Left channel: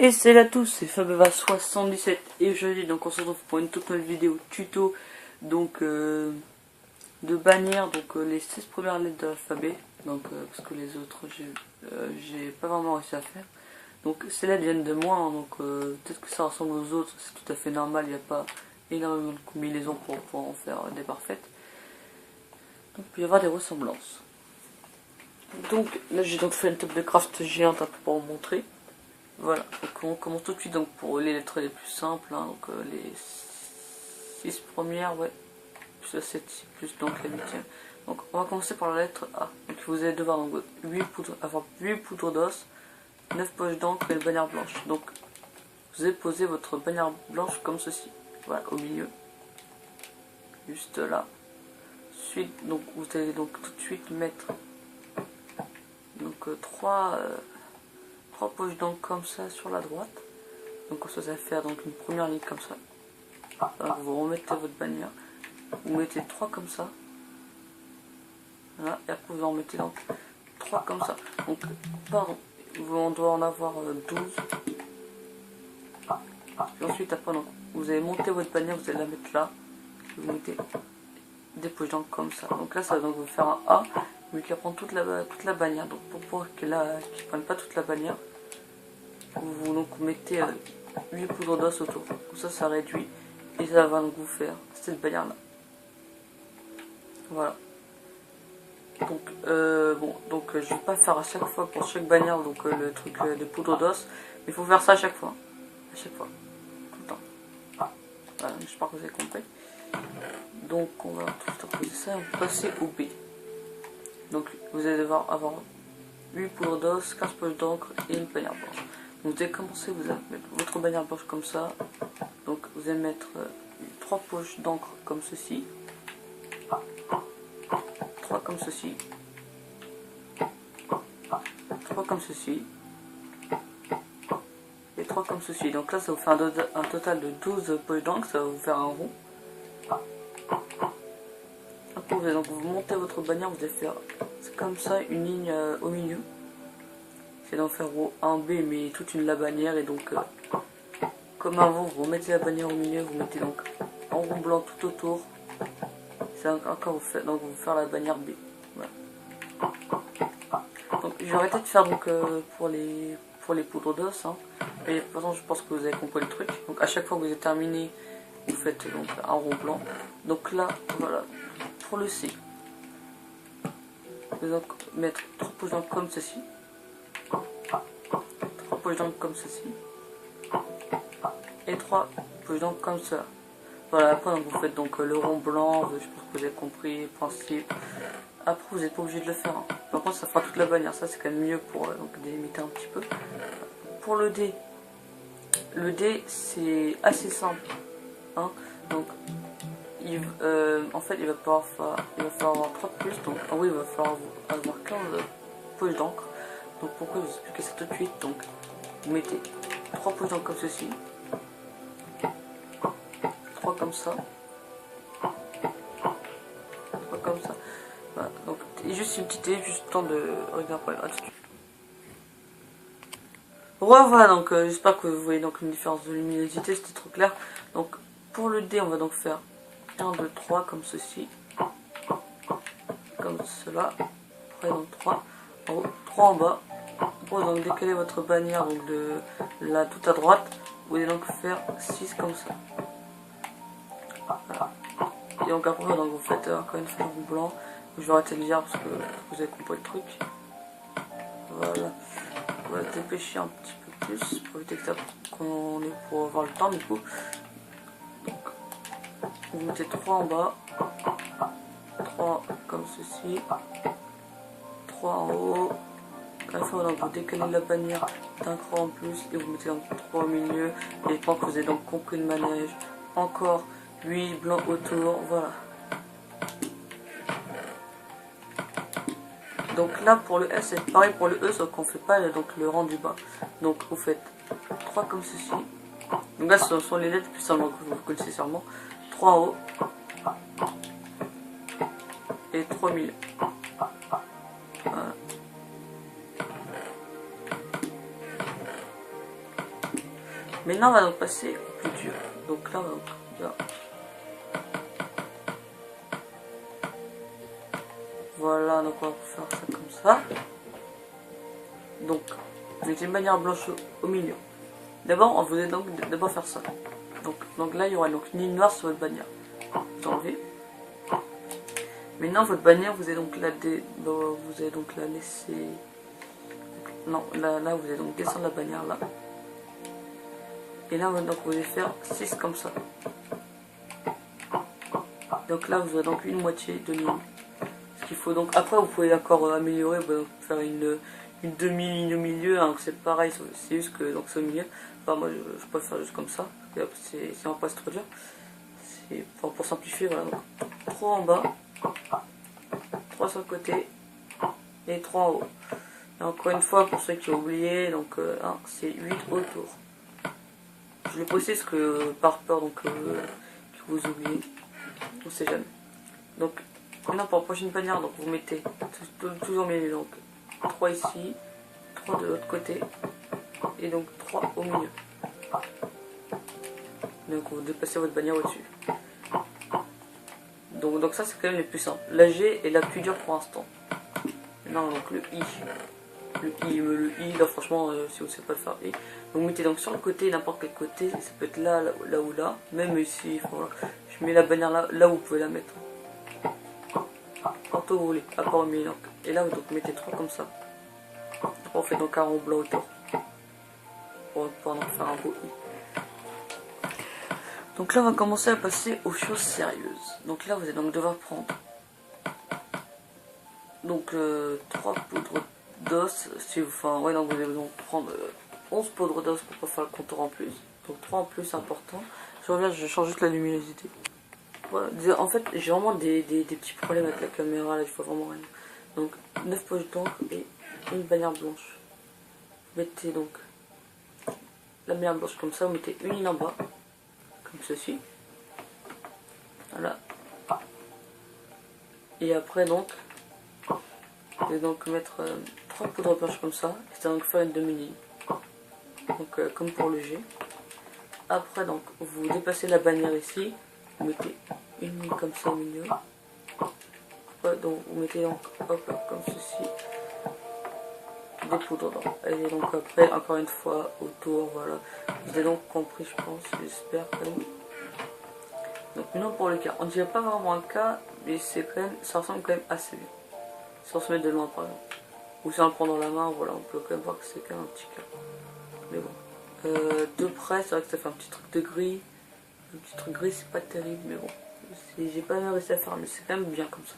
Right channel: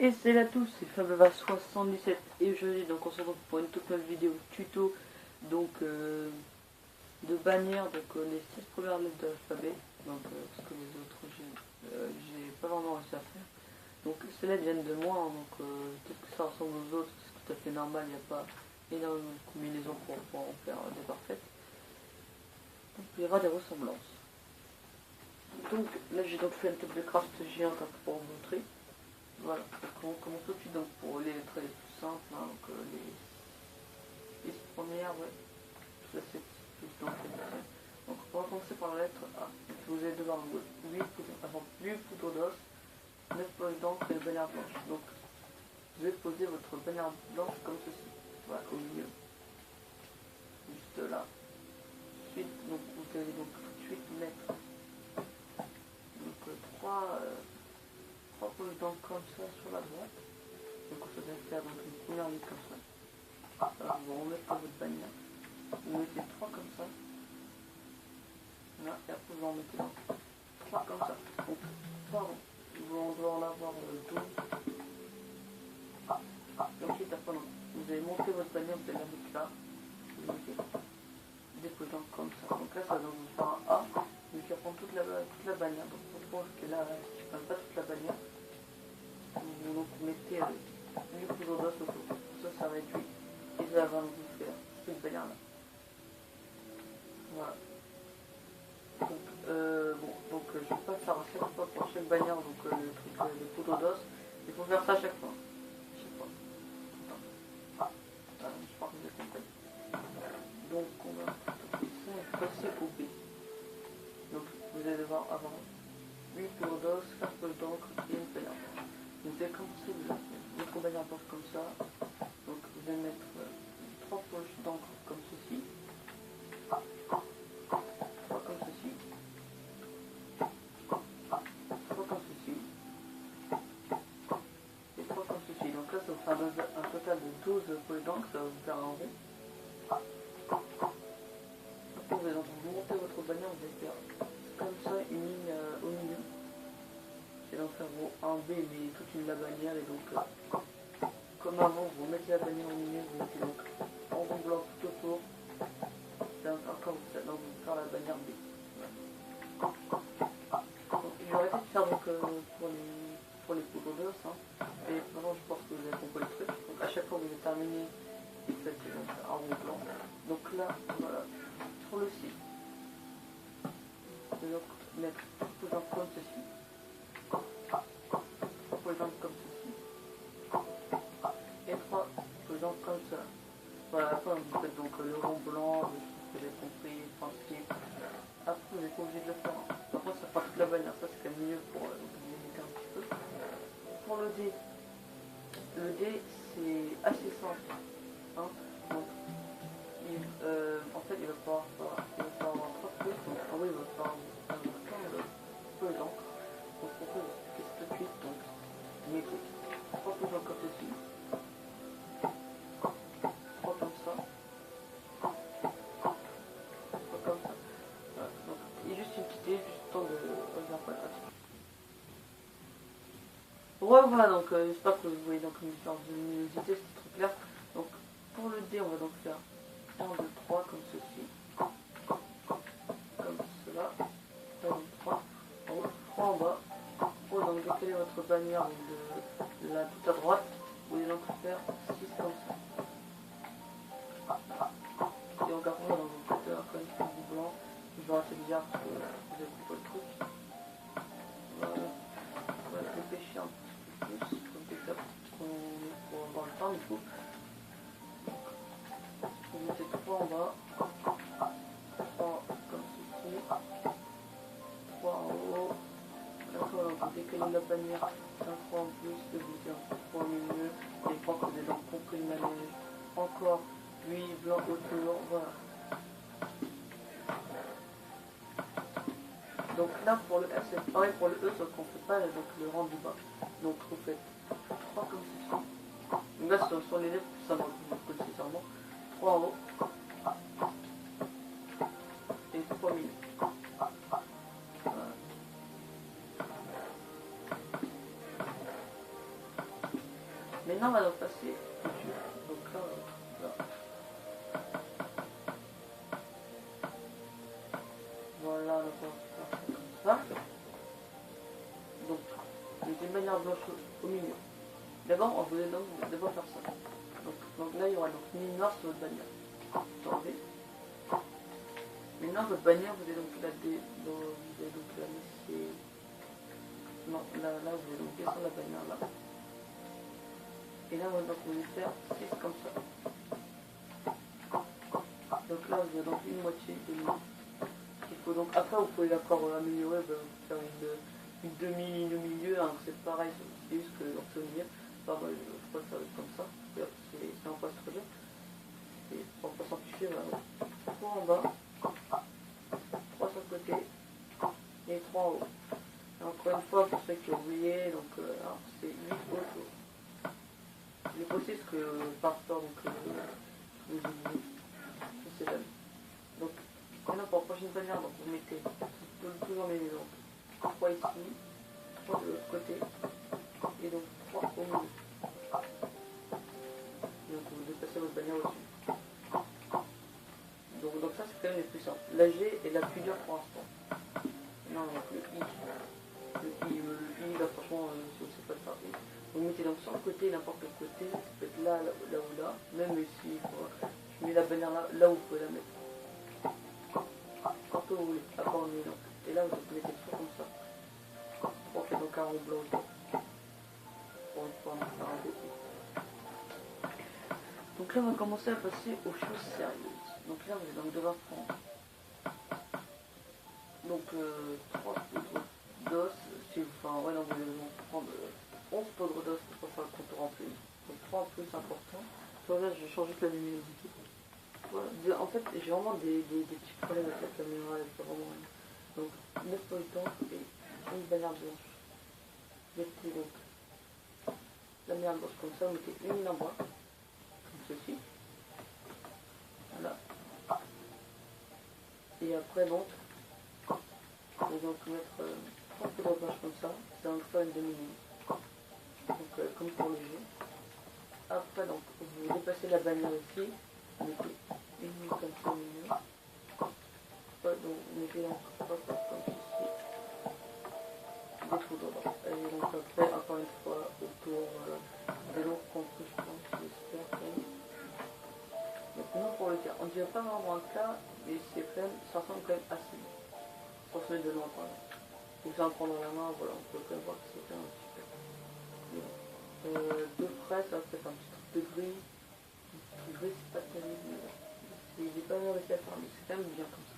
Et salut à tous, c'est Fabeva77 et aujourd'hui donc on se retrouve pour une toute nouvelle vidéo tuto donc de bannière donc les 6 premières lettres de l'alphabet donc parce que les autres j'ai pas vraiment réussi à faire. Donc ces lettres viennent de moi hein, donc peut-être que ça ressemble aux autres, c'est tout à fait normal, il n'y a pas énormément de combinaisons pour pouvoir en faire des parfaites. Donc il peut y avoir des ressemblances. Donc là j'ai donc fait une table de craft géante un peu pour vous montrer. Voilà, donc on commence tout de suite donc pour les lettres les plus simples, hein, donc les 6 premières, ouais, plus la 7, plus donc la 8e. Donc on va commencer par la lettre A. Donc vous allez devoir donc, avoir 8 poudres d'os, 9 poches d'encre et une bannière blanche. Donc vous allez poser votre bannière blanche comme ceci, voilà, au milieu, juste là. Ensuite, donc vous allez donc tout de suite mettre donc 3 poches d'encre comme ça sur la droite. Donc ça va faire donc une première ligne comme ça. Alors vous remettez votre bannière, vous mettez 3 comme ça, voilà, et après vous en mettez donc 3 comme ça. Donc pardon, on doit en avoir 12. Et ensuite après donc, vous allez monter votre bannière, vous allez la mettre là, vous mettez des poches d'encre comme ça. Donc là ça va donc vous faire un A, mais qui prend toute la bannière. Donc pour pouvoir qu'ils ne prennent pas toute la bannière, vous donc mettez 8 poudres d'os autour. Comme ça réduit et ça va donc vous faire cette bannière là. Voilà. Donc, je vais pas faire à chaque fois pour chaque bannière donc le truc de poudre d'os, mais il faut faire ça à chaque fois, tout le temps. Voilà, j'espère que vous avez compris. Donc on va tout poser ça et on va passer au B. Donc vous allez devoir avoir 8 poudres d'os, 15 poches d'encre et une bannière blanche. Donc, vous allez commencer, vous allez mettre votre bannière blanche comme ça. Donc vous allez mettre 3 poches d'encre comme ceci, 3 comme ceci, 3 comme ceci, et 3 comme ceci. Donc là ça vous fait un total de 12 poches d'encre, ça va vous faire un rond. Après vous allez donc vous montez votre bannière, vous allez faire comme ça une ligne au milieu. C'est d'en faire un B mais toute la bannière, et donc comme avant vous remettez la bannière au milieu, vous mettez donc en rond blanc tout autour. C'est encore donc vous faire la bannière B. Voilà. Donc je vais arrêter de faire donc pour les poudres d'os. Hein. Mais de toute façon je pense que vous avez compris le truc. Donc à chaque fois que vous avez terminé, vous faites donc un rond blanc. Donc là, voilà. Pour le C, vous allez donc mettre 3 poches d'encre comme ceci. 3 poches d'encre comme ceci. Et 3 poches d'encre comme ça. Voilà, après donc, vous faites donc le rond blanc, je pense que vous avez compris le principe. Après vous n'êtes pas obligé de le faire. Hein. Par contre ça fera toute la bannière, ça c'est quand même mieux pour donc, délimiter un petit peu. Pour le D c'est assez simple. Hein. Donc en fait il va falloir avoir 3 de plus, donc oui il va falloir avoir 15 poches d'encre. Donc pourquoi je vous explique ça tout de suite. Donc vous mettez 3 poches d'encre comme ceci, 3 comme ça, 3 comme ça. Voilà, donc juste une petite idée, juste le temps de regarder pour les attitudes. Voilà, donc j'espère que vous voyez donc une différence de luminosité, c'était trop clair. Donc pour le D on va donc faire 1, 2, 3 comme ceci, comme cela, après donc 3 en haut, 3 en bas. Pour donc décaler votre bannière donc de là tout à droite, vous allez donc faire 6 comme ça. Voilà. Et donc après donc vous faites encore une fois en blanc. Je vais arrêter de lire parce que vous avez compris le truc. Voilà. On va dépêcher un petit peu plus pour éviter qu'on ait pour avoir le temps du coup. Donc, vous mettez 3 en bas, 3 comme ceci, 3 en haut. Une fois donc, vous décalez la bannière d'un cran en plus et vous mettez donc 3 au milieu. Et je pense que vous avez donc compris le manège. Encore 8 blancs autour, voilà. Donc là pour le S c'est pareil pour le E, sauf qu'on ne fait pas donc, le rang du bas. Donc vous faites 3 comme ceci. Donc là ce sont les lettres plus simples que vous connaissez sûrement. 3 en haut et 3 au milieu. Voilà. Maintenant, on va donc passer au plus dur. Donc là, voilà, donc on va faire ça comme ça. Donc, mettez une bannière blanche au milieu. D'abord, on voulait donc d'abord faire ça. Donc là, il y aura donc une ligne noire sur votre bannière. Vous enlevez. Maintenant, votre bannière, vous allez donc la laisser. Non, là, vous allez donc descendre la bannière là. Et là, donc, vous allez faire 6 comme ça. Donc là, vous aurez donc une moitié de ligne. Ce qu'il faut donc. Après, vous pouvez encore améliorer, faire une demi-ligne au milieu. Hein, c'est pareil, c'est juste que donc c'est au milieu. Enfin, moi, je peux le faire juste comme ça. C'est pas trop dur. C'est pour simplifier, voilà. Donc, 3 en bas, 3 sur le côté et 3 en haut. Et encore une fois, pour ceux qui ont oublié, donc c'est 8 autour. Je l'ai posté parce que par peur donc que vous oubliez. On sait jamais. Donc maintenant pour la prochaine bannière, donc vous mettez toujours milieu, donc 3 ici, 3 de l'autre côté et donc 3 au milieu. Donc vous déplacez votre bannière au-dessus. Donc ça c'est quand même le plus simple. La G est la plus dure pour l'instant. Non, donc le I. Le I, là franchement, si vous ne savez pas le faire, I. Donc vous mettez donc sur le côté, n'importe quel côté, ça peut être là ou là. Même ici, voilà. Je mets la bannière là où vous pouvez la mettre. Partout où vous voulez, à part au milieu. Et là, vous mettez 3 comme ça. On fait donc un rond blanc autour. Pour pouvoir en faire un beau I. Donc là, on va commencer à passer aux choses sérieuses. Donc là, vous allez donc devoir prendre donc 3 poudres d'os. Enfin, ouais, donc vous allez donc prendre 11 poudres d'os pour pas faire le contour en plus. Donc 3 en plus, c'est important. Je reviens, je change juste la luminosité. Voilà. En fait, j'ai vraiment des petits problèmes avec la caméra, là, je vois vraiment rien. Donc 9 poches d'encre et une bannière blanche. Vous mettez donc la bannière blanche comme ça, vous mettez une ligne en bas, comme ceci. Voilà. Et après donc, vous allez donc mettre 3 poudres blanches comme ça, et ça va donc faire une demi-ligne. Donc comme pour le G. Après donc, vous dépassez la bannière ici, vous mettez une ligne comme ça au milieu. Après, donc vous mettez donc hop, comme ceci. Des poudres d'encre. Et donc après, encore une fois, autour, voilà. Vous avez donc compris, je pense, j'espère quand même. Donc maintenant pour le cas, on dirait pas vraiment un cas, mais c'est quand même, ça ressemble quand même assez bien. Si on se met de loin par exemple. Ou si on le prend dans la main, voilà, on peut quand même voir que c'est quand même un petit cas. Mais bon. De près, c'est vrai que ça fait un petit truc de gris. Un petit truc gris, c'est pas terrible, mais bon. J'ai pas bien réussi à faire, mais c'est quand même bien comme ça.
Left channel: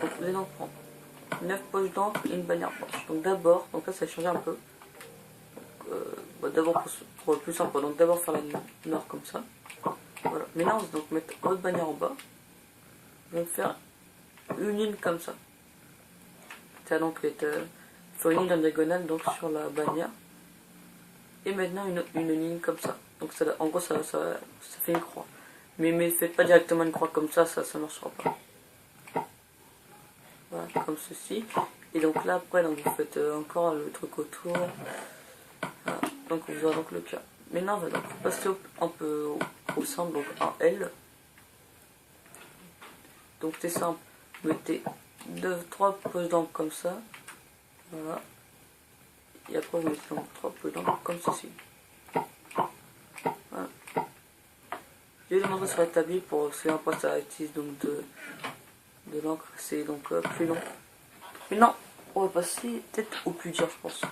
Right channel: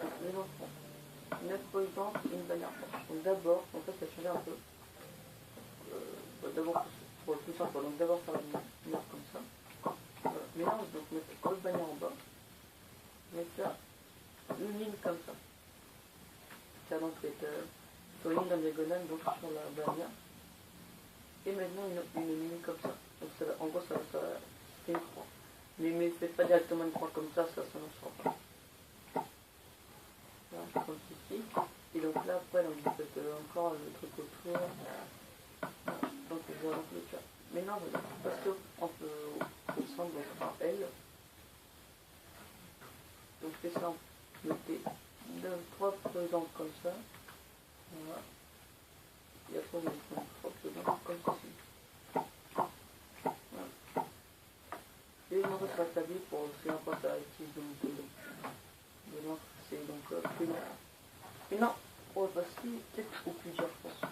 Donc vous allez donc prendre 9 poches d'encre et une bannière blanche. Donc d'abord, donc là ça va changer un peu. D'abord pour le plus simple, donc d'abord faire la ligne nord comme ça. Voilà. Maintenant, on va donc mettre votre bannière en bas. On va faire une ligne comme ça. Ça va donc être faire une ligne en diagonale donc sur la bannière. Et maintenant une ligne comme ça. Donc ça, en gros ça fait une croix. Mais ne faites pas directement une croix comme ça ne marchera pas. Voilà, comme ceci. Et donc là après donc vous faites encore le truc autour. Voilà. Donc vous aurez donc le cas. Maintenant on va donc passer un peu au centre, donc un L. Donc c'est simple, vous mettez 3 poches d'encre comme ça. Voilà. Et après vous mettez donc 3 poches d'encre comme ceci. Voilà. Je vais demander sur la table pour c'est un poste à utiliser donc de l'encre, c'est donc plus long. Maintenant on va passer peut-être au plus dur je pense.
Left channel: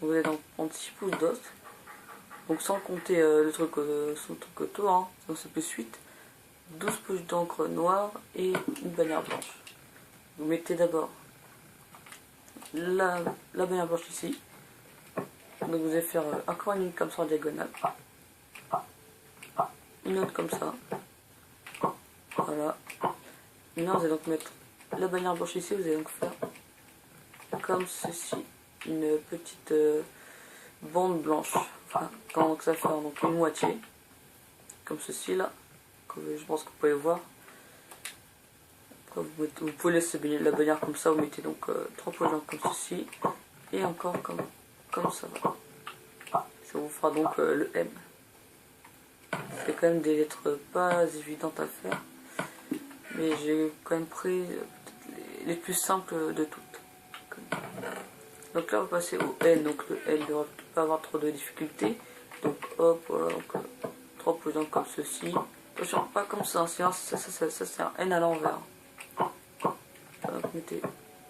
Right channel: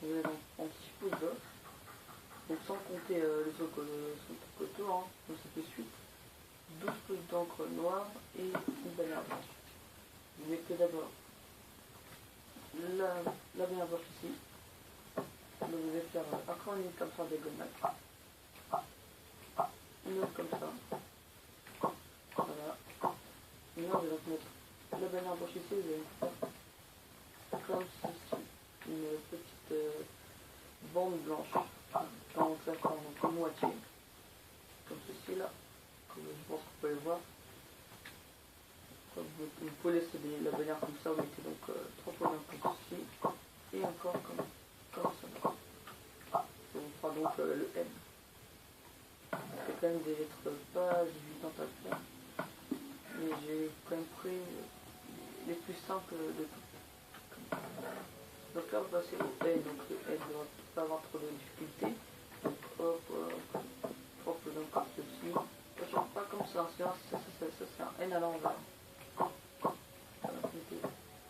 Vous allez donc prendre 6 pouces d'os. Donc sans compter son truc autour, hein, donc c'est plus 8. 12 poches d'encre noire et une bannière blanche. Vous mettez d'abord la bannière blanche ici. Donc vous allez faire encore une ligne comme ça en diagonale. Une autre comme ça. Voilà. Maintenant vous allez donc mettre la bannière blanche ici. Vous allez donc faire comme ceci. Une petite bande blanche. Enfin, donc ça va faire donc une moitié. Comme ceci là. Je pense que vous pouvez voir. Vous pouvez laisser la bannière comme ça, vous mettez donc 3 poches d'encre comme ceci, et encore comme ça va. Ça vous fera donc le M. C'est quand même des lettres pas évidentes à faire. Mais j'ai quand même pris les plus simples de toutes. Donc là on va passer au N. Donc le N ne devrait pas avoir trop de difficultés. Donc hop, voilà, donc 3 posants comme ceci. Attention, pas comme ça, sinon ça c'est un N à l'envers. Donc mettez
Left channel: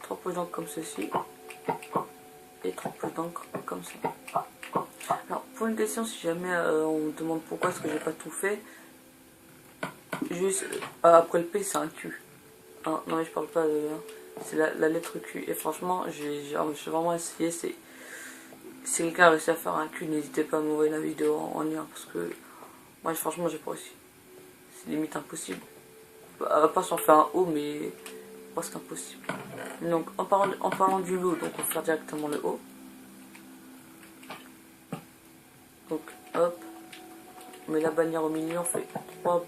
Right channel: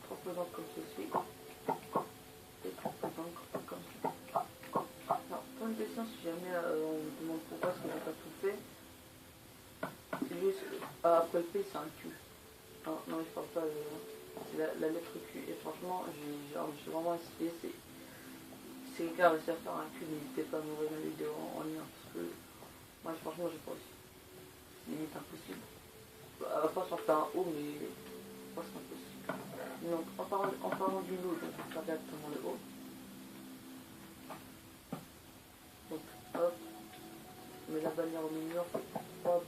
3 posants comme ceci. Et 3 posants comme ça. Alors pour une question, si jamais on me demande pourquoi est-ce que j'ai pas tout fait, juste après le P c'est un Q. Ah, non mais je parle pas de... C'est la lettre Q. Et franchement, j'ai vraiment essayé. Si quelqu'un a réussi à faire un Q, n'hésitez pas à m'envoyer la vidéo en lien. Parce que moi, franchement, j'ai pas réussi. C'est limite impossible. Pas si on fait un O, mais presque impossible. Donc, en parlant du lot, donc on va faire directement le O. Donc, hop. On met la bannière au milieu, on fait 3.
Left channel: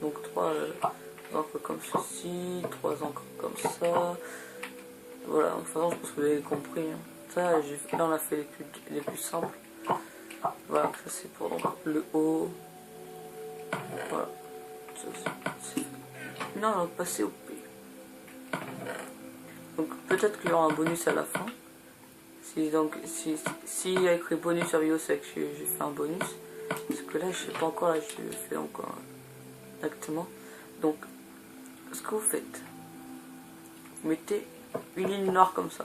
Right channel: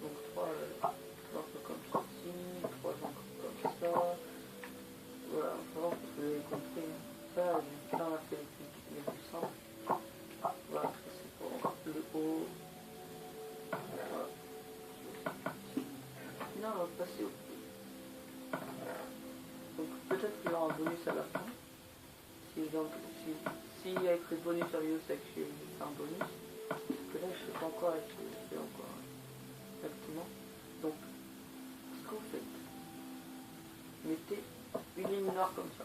Donc, 3 encres comme ceci, 3 encres comme ça. Voilà, de toute façon, je pense que vous avez compris. Hein. Ça, là, on a fait les plus simples. Voilà, ça c'est pour donc, le haut. Voilà. Là, on va passer au P. Donc, peut-être qu'il y aura un bonus à la fin. Si il y a écrit bonus sur vidéo, c'est que j'ai fait un bonus. Parce que là, je sais pas encore, là, je le fais encore exactement. Donc, ce que vous faites, vous mettez une ligne noire comme ça.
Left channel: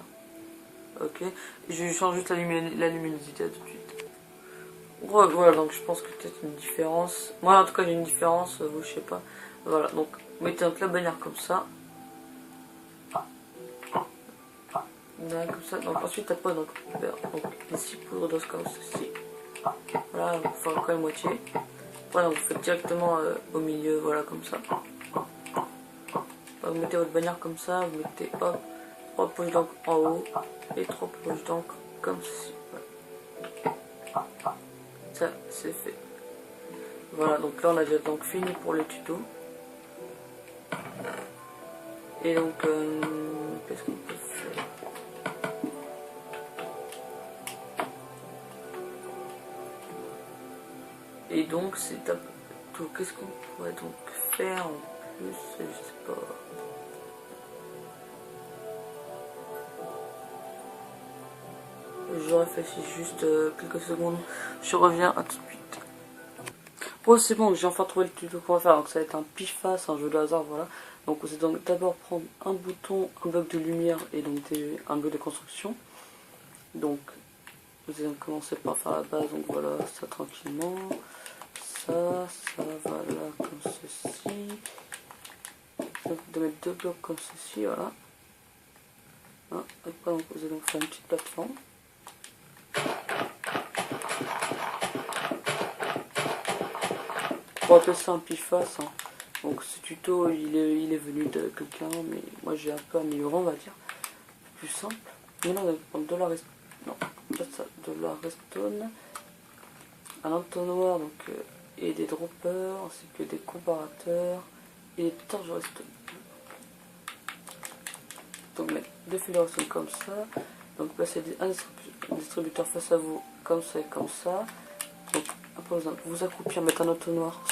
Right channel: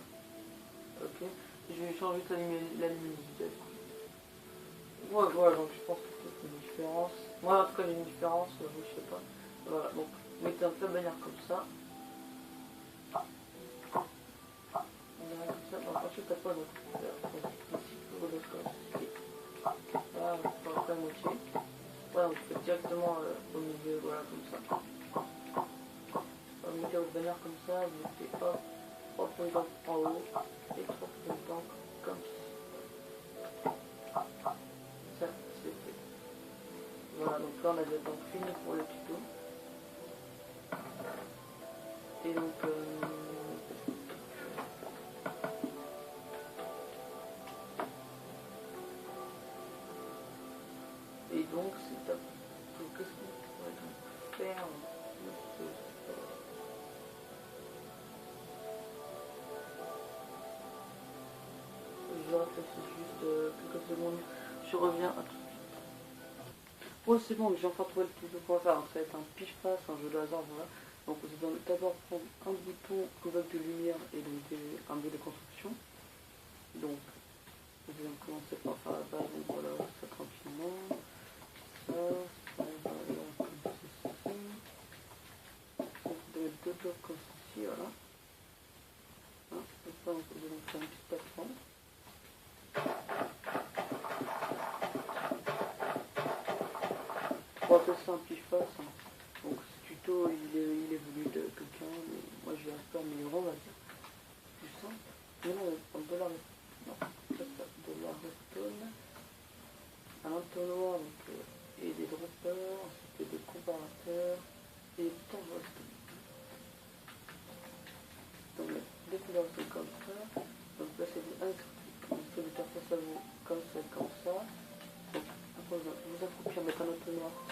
Ok, je change juste la luminosité tout de suite. Ouais, voilà, donc je pense que peut-être une différence. Moi en tout cas j'ai une différence, vous je sais pas. Voilà, donc mettez donc la bannière comme ça. Voilà, comme ça. Donc ensuite après donc les 6 poudres d'os comme ceci. Voilà, vous faites encore une moitié. Voilà, vous faites directement au milieu, voilà comme ça. Vous mettez votre bannière comme ça, vous mettez hop, 3 poches d'encre en haut et 3 poches d'encre comme ceci. Voilà. Ça c'est fait. Voilà, donc là on a déjà donc fini pour le tuto. Et donc, qu'est-ce qu'on peut faire? Et donc c'est tout. Qu'est-ce qu'on pourrait donc faire en plus? Je sais pas. Je réfléchis juste quelques secondes. Je reviens à tout de suite. Bon c'est bon, j'ai enfin trouvé le tuto qu'on va faire. Donc ça va être un pif-face, un jeu de hasard, voilà. Donc vous allez donc d'abord prendre un bouton, un bloc de lumière et donc un bloc de construction. Donc vous allez commencer par faire la base, donc voilà, ça tranquillement. Ça va là comme ceci. Donc de mettre 2 blocs comme ceci, voilà. Hein, après donc, vous allez donc faire une petite plateforme. On va appeler ça un pif-face. Hein. Donc ce tuto il est venu de quelqu'un, mais moi j'ai un peu amélioré on va dire. Plus simple. Maintenant on va prendre de la redstone. Non, pas ça, de la redstone. Un entonnoir donc et des droppers ainsi que des comparateurs et des torches redstone. Donc mettre 2 fils de redstone comme ça. Donc placer un distributeur face à vous comme ça et comme ça. Donc après vous accroupir, mettre un entonnoir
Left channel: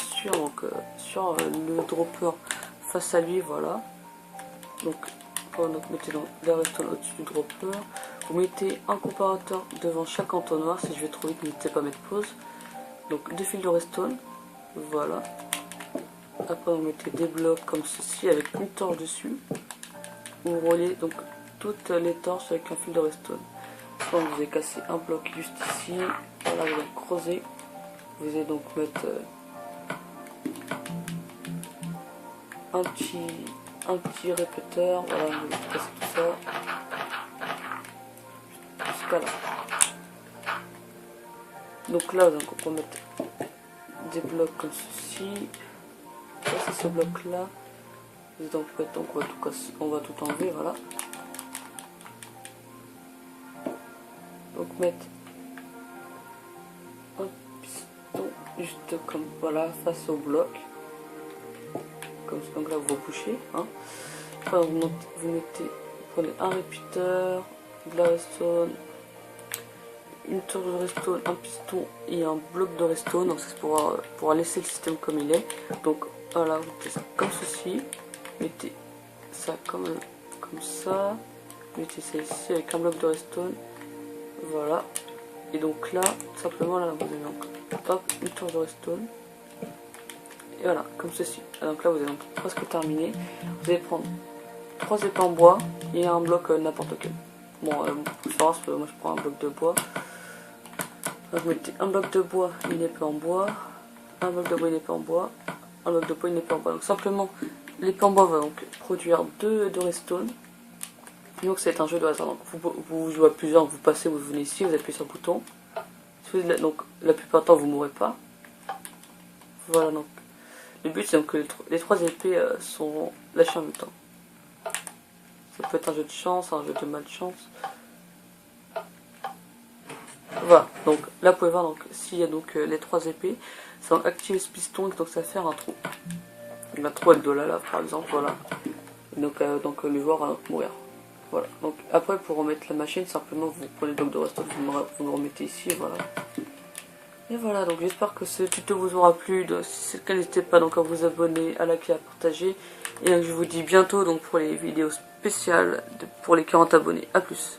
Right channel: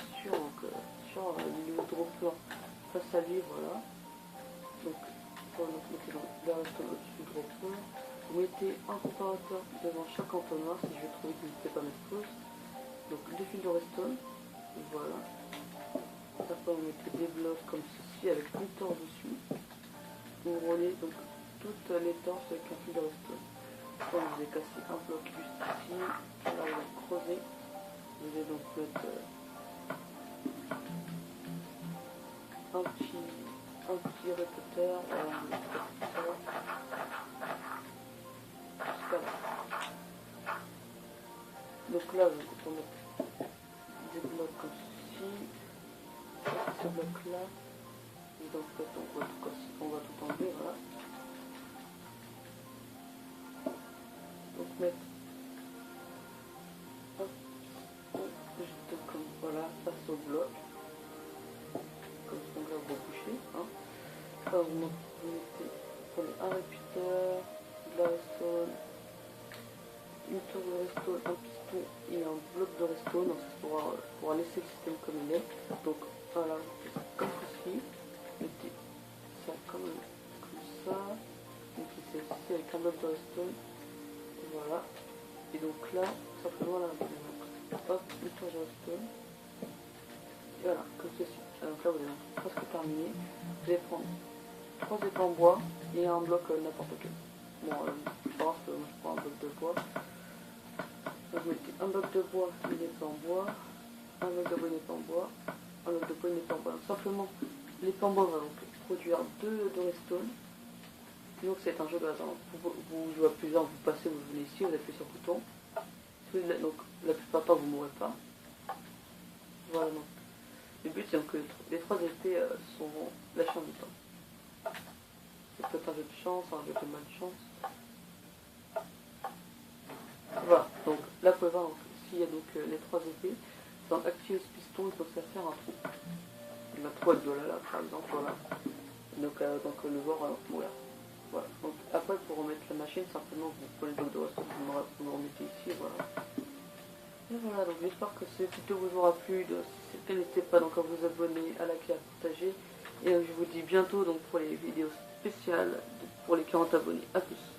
sur, le dropper face à lui, voilà. Donc mettez donc la redstone au-dessus du dropper. Vous mettez un comparateur devant chaque entonnoir. Si je vais trop vite, n'hésitez pas à mettre pause. Donc 2 fils de redstone, voilà. Après vous mettez des blocs comme ceci avec une torche dessus. Vous reliez donc toutes les torches avec un fil de redstone. Donc vous allez casser un bloc juste ici. Voilà, vous allez creuser. Vous allez donc mettre un petit répéteur. Voilà, vous allez casser tout ça. Jusqu'à là. Donc là, donc, on peut mettre des blocs comme ceci. Ça c'est ce bloc là. Donc on va tout casser, on va tout enlever, voilà. Donc mettre un piston juste comme voilà face au bloc. Comme ça, donc là vous bouchez. Hein. Enfin, vous prenez un répéteur, de la redstone, une tour de redstone, un piston et un bloc de redstone. Donc c'est pour laisser le système comme il est. Donc voilà, vous mettez ça comme ceci. Mettez ça comme ça. Mettez ça ici avec un bloc de redstone. Voilà. Et donc là, simplement là, vous avez donc hop, une tour de redstone. Et voilà, comme ceci. Donc là, vous avez donc presque terminé. Vous allez prendre 3 épées en bois et un bloc n'importe quel. Bon, moi je prends un bloc de bois. Donc vous mettez un bloc de bois, une épée en bois, un bloc de bois, une épée en bois, un bloc de bois, une épée en bois. Donc simplement, l'épée en bois va donc produire 2 de redstone. Donc c'est un jeu de hasard. Donc vous jouez à plusieurs, vous passez, vous venez ici, vous appuyez sur le bouton. Donc la plupart du temps vous mourrez pas. Voilà, donc le but c'est donc que les 3 épées sont lâchées en même temps. Ça peut être un jeu de chance, un jeu de malchance. Voilà, donc là vous pouvez voir, donc s'il y a donc les 3 épées, ça va activer ce piston et donc ça va faire un trou. Un trou avec de la lave par exemple, voilà. Et donc, le joueur va donc mourir. Voilà, donc après pour remettre la machine, simplement vous prenez le bloc de redstone, vous le remettez ici, et voilà. Et voilà, donc j'espère que ce tuto vous aura plu. Donc, si c'est le cas, n'hésitez pas donc à vous abonner, à liker, à partager. Et donc je vous dis bientôt donc pour les vidéos spéciales pour les 40 abonnés. A plus.